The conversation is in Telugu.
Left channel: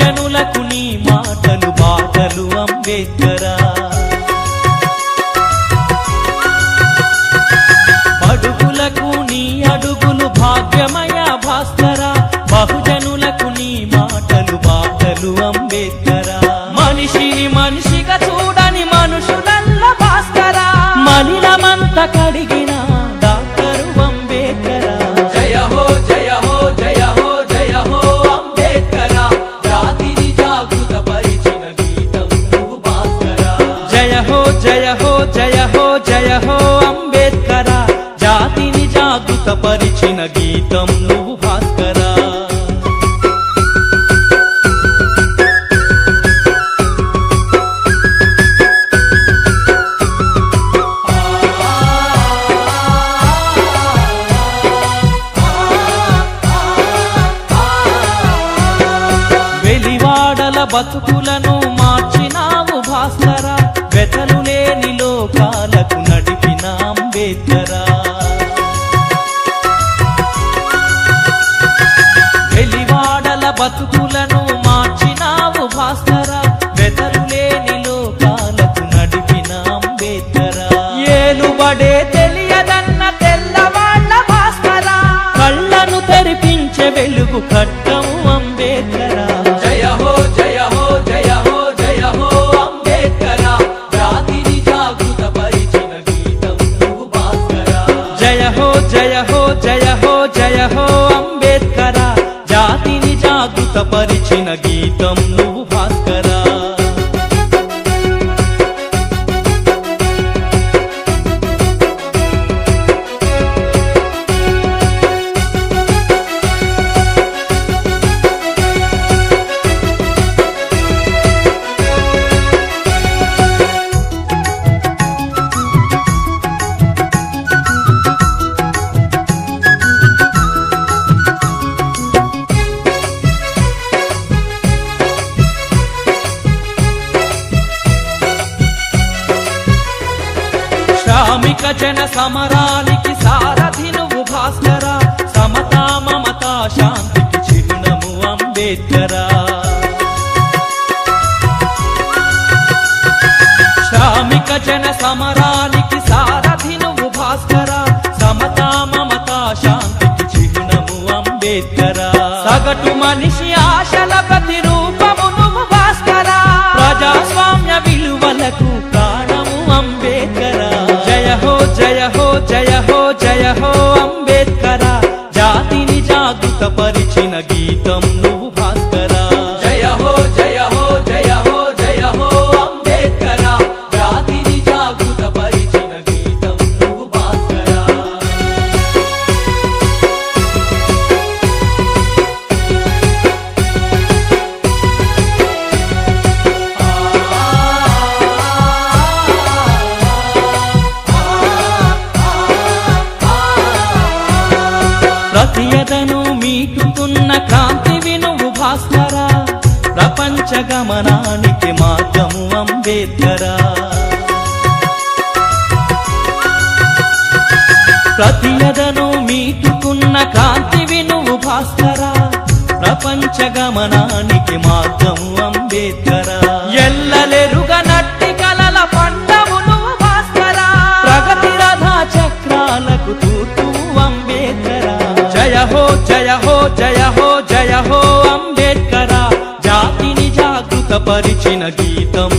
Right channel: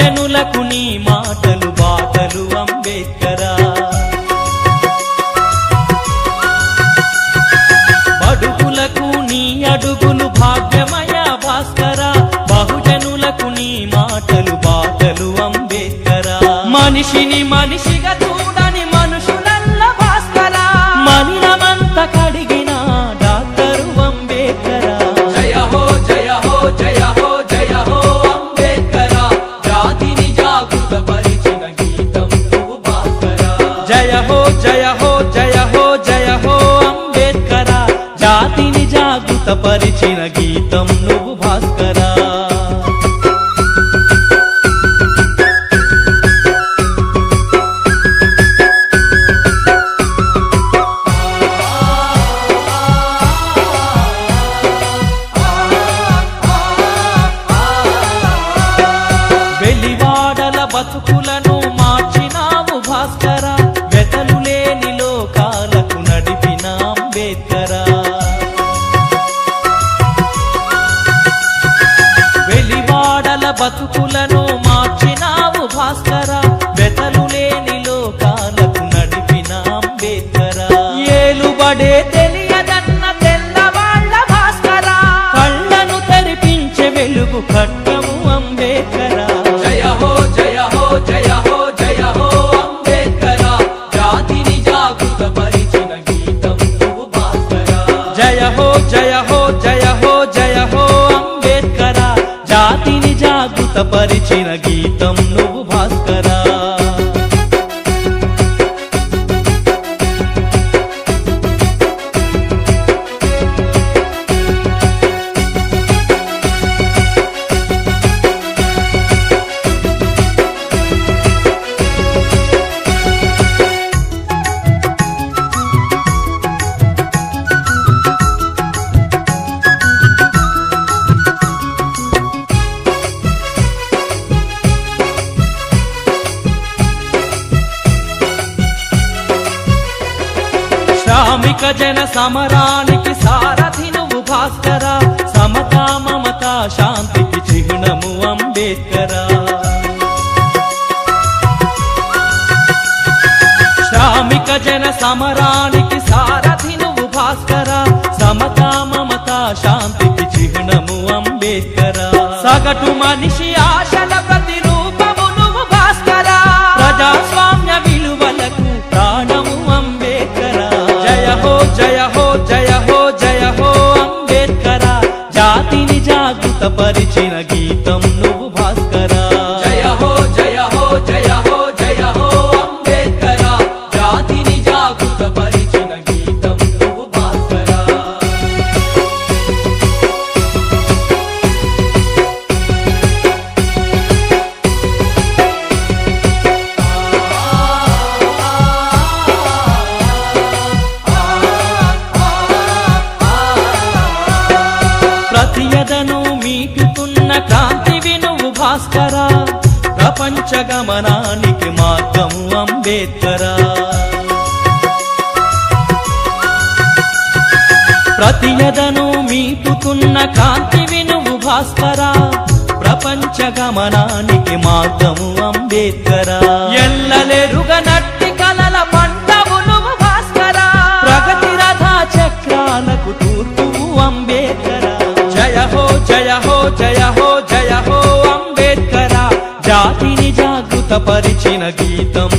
బహుజనులకు నీ మాటలు బాటలు అంబేద్కరా. బడుగులకు నీ అడుగులు భాగ్యమయ భాస్కరా. బహుజనులకు నీ మాటలు బాటలు అంబేద్కరా. మనిషిని మనిషిగా చూడని మనుషులల్ల భాస్కరా. మనిలమంత కడిగిన డాక్టరు అంబేద్కరా. జయ హో జయ హో జయ హో జయ హో అంబేద్కరా. జాతిని జాగృత పరిచిన గీతం నువ్వు భాస్కరా. జయ హో జయ హో జయ హో జయ హో అంబేద్కరా. జాతిని జాగృత పరిచిన గీతం నువ్వు భాస్కరా. వెలివాడల బతుకులను మార్చినావు భాస్కరా. వెతలు లేని లోకాలకు నడిపిన అంబేద్కరా. వెలివాడల బతుకులను మార్చినావు భాస్కరా. వెతలు లేని లోకాలకు నడిపిన అంబేద్కరా. ఏలుబడే తెలియదన్న తెల్లవాళ్ళ భాస్కరా. కళ్ళను తెరిపించే వెలుగు కట్టము అంబేద్కరా. జయ హో జయ హో జయ హో జయ హో అంబేద్కరా. జాతిని జాగృత పరిచిన గీతం నువ్వు భాస్కరా. జయ హో జయ హో జయ హో జయ హో అంబేద్కరా. జాతిని జాగృత పరిచిన గీతం నువ్వు భాస్కరా. శ్రామిక జన సమరానికి సారథి నువ్వు భాస్కరా. సమతా మమతా శాంతికి చిహ్నము అంబేద్కరా. శ్రామిక జన సమరానికి సారథి నువ్వు భాస్కరా. సమతా మమతా శాంతికి చిహ్నము అంబేద్కరా. సగటు మనిషి ఆశల ప్రతిరూపము నువ్వు భాస్కరా. ప్రజాస్వామ్య విలువలకు ప్రాణము అంబేద్కరా. జయ హో జయ హో జయ హో జయ హో అంబేద్కరా. జాతిని జాగృత పరిచిన గీతం నువ్వు భాస్కరా. జయ హో జయ హో జయ హో జయ హో అంబేద్కరా. జాతిని జాగృత పరిచిన గీతం నువ్వు భాస్కరా. ప్రతియదను మీటుతున్న క్రాంతివి నువ్వు భాస్కరా. ప్రపంచ గమనానికి మార్గము అంబేద్కరా. ప్రతియదను మీటుతున్న కాంతివి నువ్వు భాస్కరా. ప్రపంచ గమనానికి మార్గము అంబేద్కరా. ఎల్లలెరుగనట్టి కలల పంటవు నువ్వు భాస్కరా. ప్రగతి రథ చక్రాలకు తూర్పు అంబేద్కరా. జయ హో జయ హో జయ హో జయ హో అంబేద్కరా. జాతిని జాగృత పరిచిన గీతం